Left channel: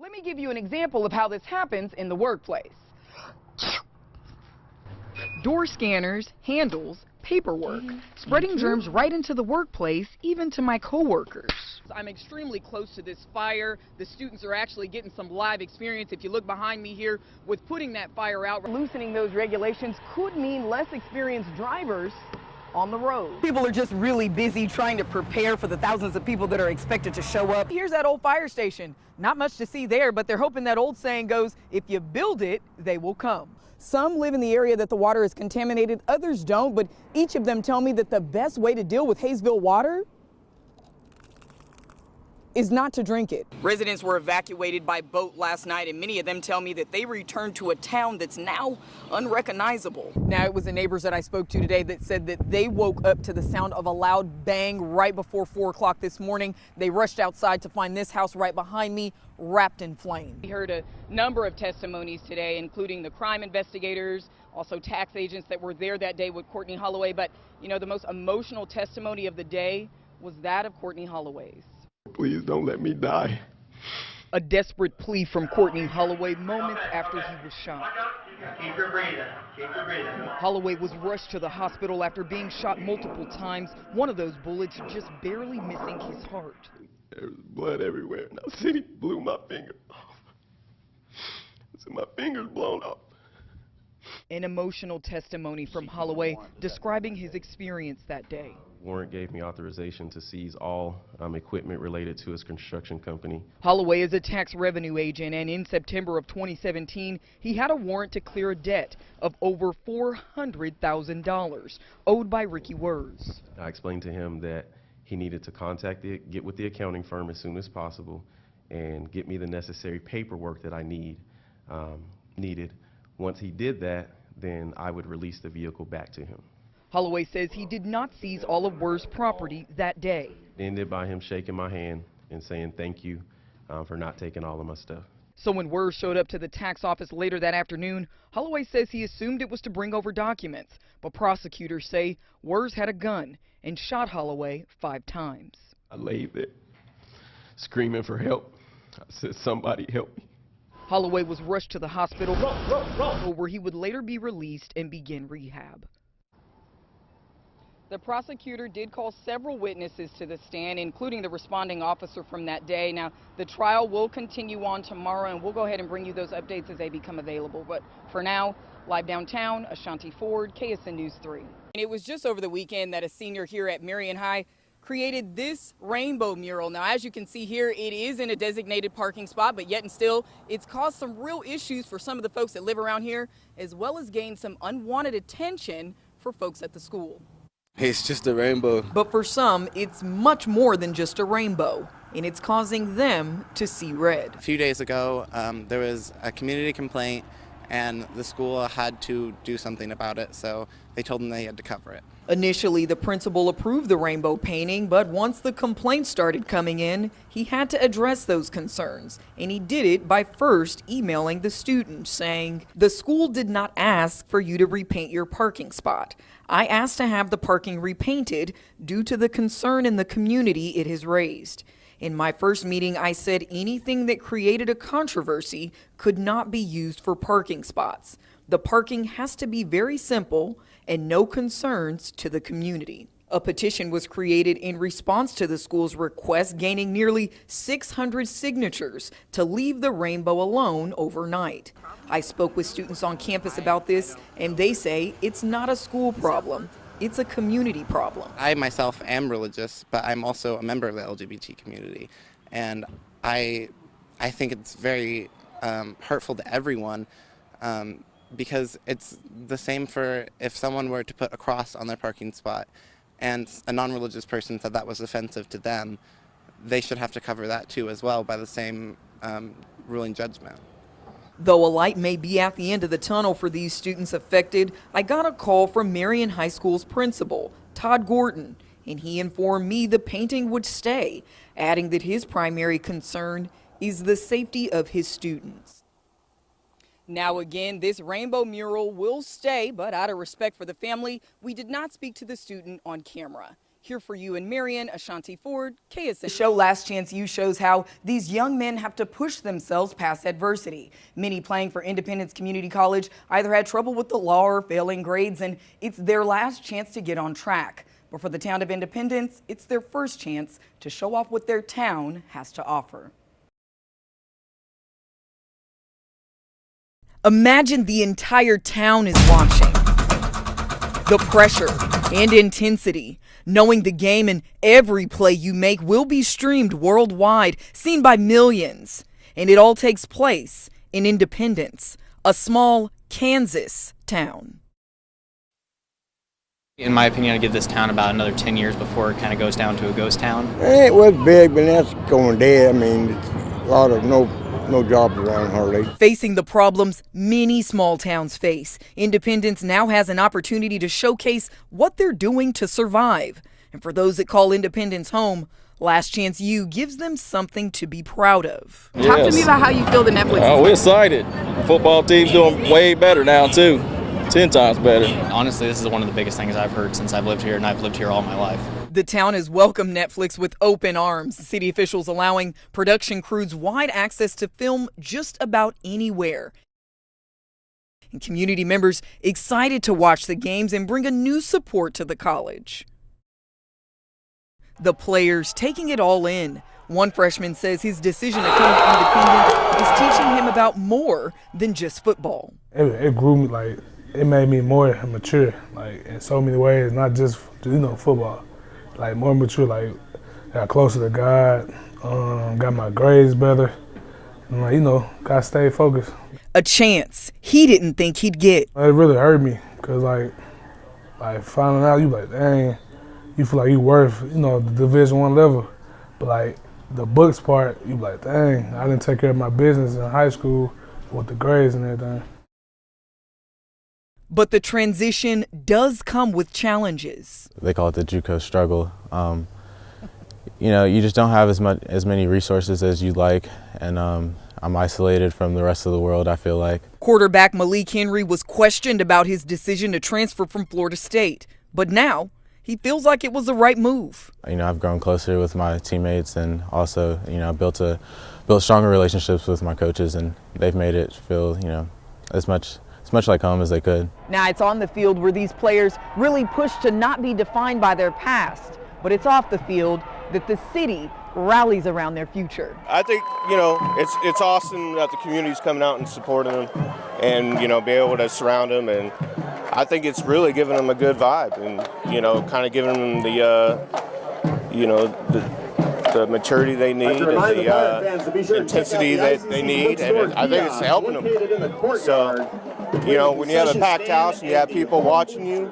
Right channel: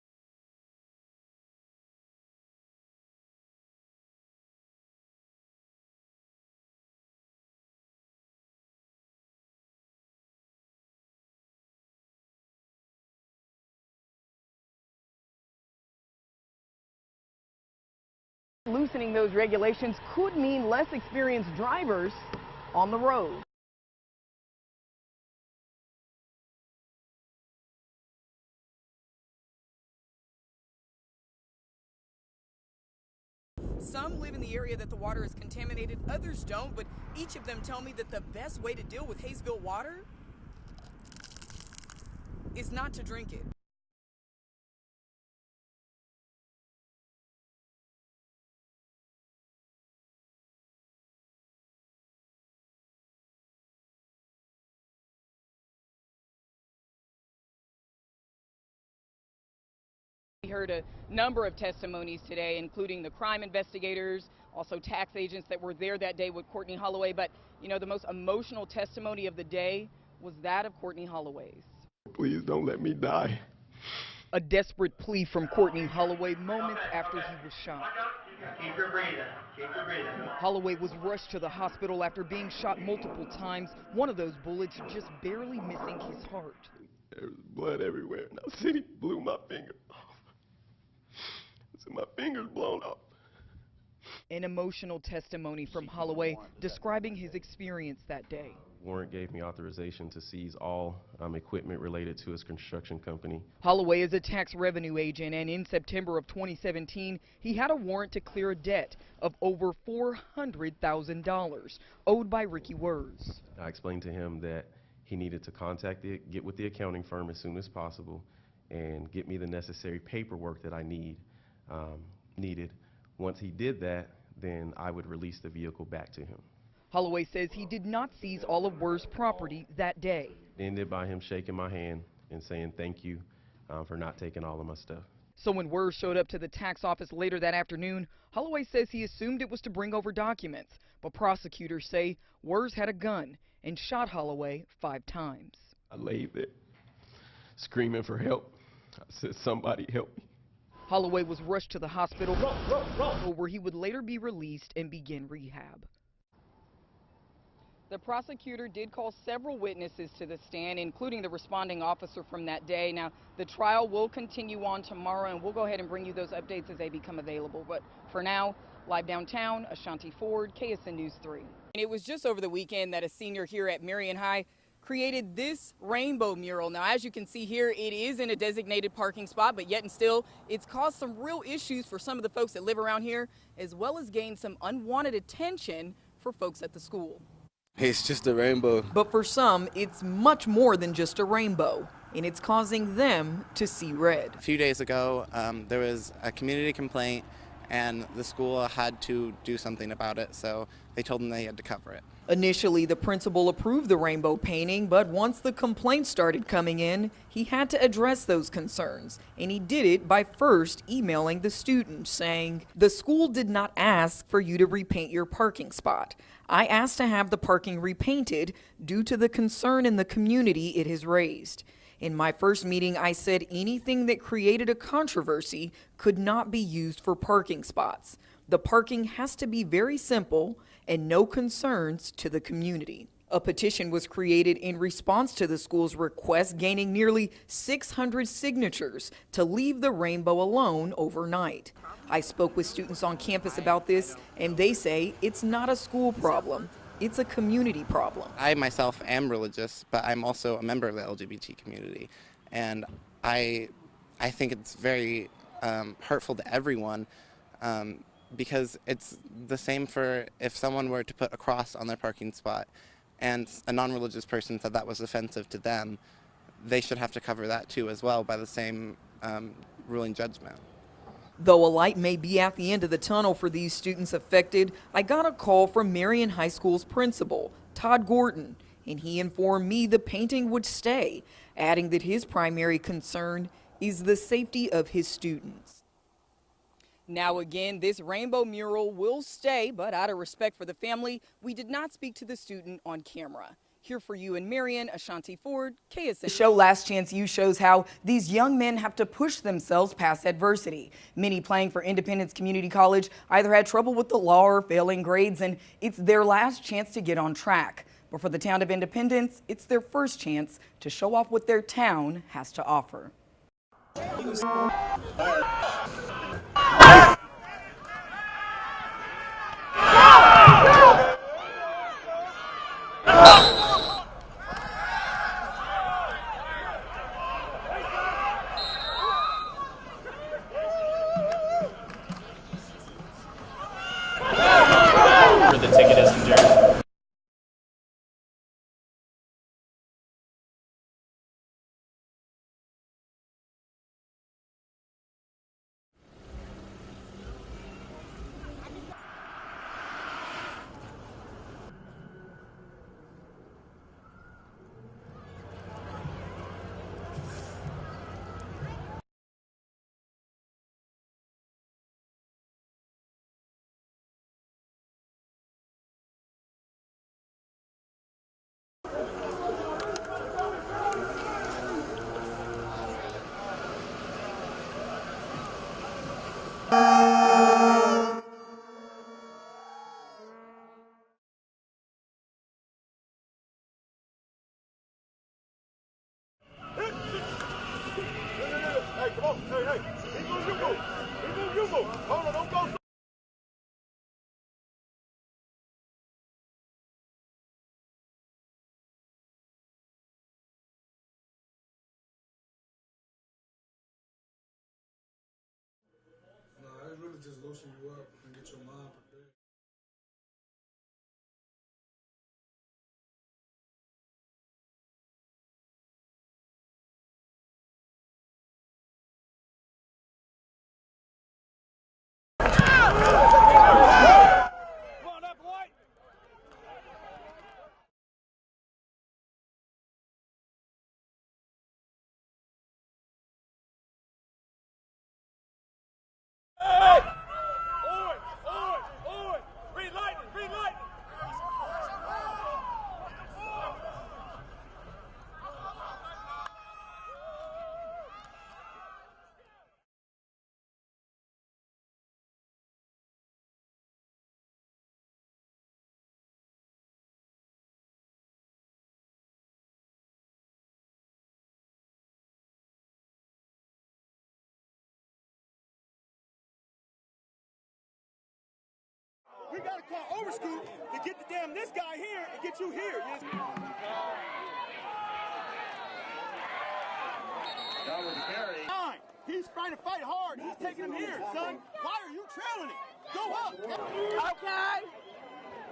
Let me give you an example of how this happens in the workplace. Door scanners, handles, paperwork, spreading germs right into the workplace, even to my coworkers. I'm extremely close to this fire. The students are actually getting some live experience. If you look behind me here, with putting that fire out. Loosening those regulations could mean less experienced drivers on the road. People are just really busy trying to prepare for the thousands of people that are expected to show up. Here's that old fire station. Not much to see there, but they're hoping that old saying goes, if you build it, they will come. Some live in the area that the water is contaminated, others don't, but each of them tell me that the best way to deal with Hayesville water is not to drink it. Residents were evacuated by boat last night, and many of them tell me that they returned to a town that's now unrecognizable. Now, it was the neighbors that I spoke to today that said that they woke up to the sound of a loud bang right before 4 o'clock this morning. They rushed outside to find this house right behind me wrapped in flame. We heard a number of testimonies today, including the crime investigators, also tax agents that were there that day with Courtney Holloway. But, you know, the most emotional testimony of the day was that of Courtney Holloway's. Please don't let me die. A desperate plea from Courtney Holloway moments after he was shot. Keep your breathing. Keep your breathing. Holloway was rushed to the hospital after being shot multiple times, one of those bullets just barely missing his heart. There was blood everywhere, and the city blew my finger off. So my finger's blown off. An emotional testimony from Holloway describing his experience that day. Warrant gave me authorization to seize all equipment related to his construction company. Holloway is a tax revenue agent, and in September of 2017, he had a warrant to clear a debt of over $400,000 owed by Ricky Wurz. I explained to him that he needed to get with the accounting firm as soon as possible and get me the necessary paperwork that I needed. Once he did that, then I would release the vehicle back to him. Holloway says he did not seize all of Wurz's property that day. It ended by him shaking my hand and saying thank you for not taking all of my stuff. So when Wurz showed up to the tax office later that afternoon, Holloway says he assumed it was to bring over documents, but prosecutors say Wurz had a gun and shot Holloway 5 times. I laid there screaming for help. I said, somebody help me. Holloway was rushed to the hospital where he would later be released and begin rehab. The prosecutor did call several witnesses to the stand, including the responding officer from that day. Now, the trial will continue on tomorrow, and we'll go ahead and bring you those updates as they become available. But for now, live downtown, Ashonti Ford, KSN News 3. And it was just over the weekend that a senior here at Marion High created this rainbow mural. Now, as you can see here, it is in a designated parking spot, but yet and still, it's caused some real issues for some of the folks that live around here, as well as gained some unwanted attention for folks at the school. It's just a rainbow. But for some, it's much more than just a rainbow, and it's causing them to see red. A few days ago, there was a community complaint, and the school had to do something about it, so they told them they had to cover it. Initially, the principal approved the rainbow painting, but once the complaints started coming in, he had to address those concerns. And he did it by first emailing the students saying, "The school did not ask for you to repaint your parking spot. I asked to have the parking repainted due to the concern in the community it has raised. In my first meeting, I said anything that created a controversy could not be used for parking spots. The parking has to be very simple and no concerns to the community." A petition was created in response to the school's request, gaining nearly 600 signatures to leave the rainbow alone overnight. I spoke with students on campus about this, and they say it's not a school problem. It's a community problem. I myself am religious, but I'm also a member of the LGBT community, and I think it's very hurtful to everyone, because it's the same for if someone were to put a cross on their parking spot and a non-religious person said that was offensive to them, they should have to cover that too as well by the same ruling judgment. Though a light may be at the end of the tunnel for these students affected, I got a call from Marion High School's principal, Todd Gordon, and he informed me the painting would stay, adding that his primary concern is the safety of his students. Now again, this rainbow mural will stay, but out of respect for the family, we did not speak to the student on camera. Here for you in Marion, Ashonti Ford, KSN. The show Last Chance U shows how these young men have to push themselves past adversity. Many playing for Independence Community College either had trouble with the law or failing grades, and it's their last chance to get on track. But for the town of Independence, it's their first chance to show off what their town has to offer. Imagine the entire town is watching. The pressure and intensity, knowing the game and every play you make will be streamed worldwide, seen by millions. And it all takes place in Independence, a small Kansas town. Where the ticket is in Jersey. In my opinion, I give this town about another 10 years before it kind of goes down to a ghost town. It was big, but that's going dead. I mean, a lot of no jobs around hardly. Facing the problems many small towns face, Independence now has an opportunity to showcase what they're doing to survive. And for those that call Independence home, Last Chance U gives them something to be proud of. Yes. Talk to me about how you feel the Netflix. Oh, we're excited. Football team's doing way better now, too. 10 times better. Honestly, this is one of the biggest things I've heard since I've lived here, and I've lived here all my life. The town has welcomed Netflix with open arms, city officials allowing production crews wide access to film just about anywhere. Community members excited to watch the games and bring a new support to the college. The players taking it all in. One freshman says his decision to come to Independence is teaching him about more than just football. It grew me, like, it made me more mature, like, in so many ways, not just, football. Like, more mature, like, got closer to God, got my grades better, and, like, gotta stay focused. A chance he didn't think he'd get. It really hurt me, because, like finding out, you like, dang, you feel like you worth, the Division I level. But, like, the books part, you like, dang, I didn't take care of my business in high school with the grades and everything. But the transition does come with challenges. They call it the JUCO struggle. You just don't have as many resources as you'd like, and I'm isolated from the rest of the world, I feel like. Quarterback Malik Henry was questioned about his decision to transfer from Florida State, but now he feels like it was the right move. I've grown closer with my teammates, and also, built stronger relationships with my coaches, and they've made it feel, as much like home as they could. Now it's on the field where these players really push to not be defined by their past, but it's off the field that the city rallies around their future. I think, it's awesome that the community's coming out and supporting them and, be able to surround them, and I think it's really giving them a good vibe and, kind of giving them the, the maturity they need and the intensity that they need, and I think it's helping them. So, when you have a packed house and you have people watching you,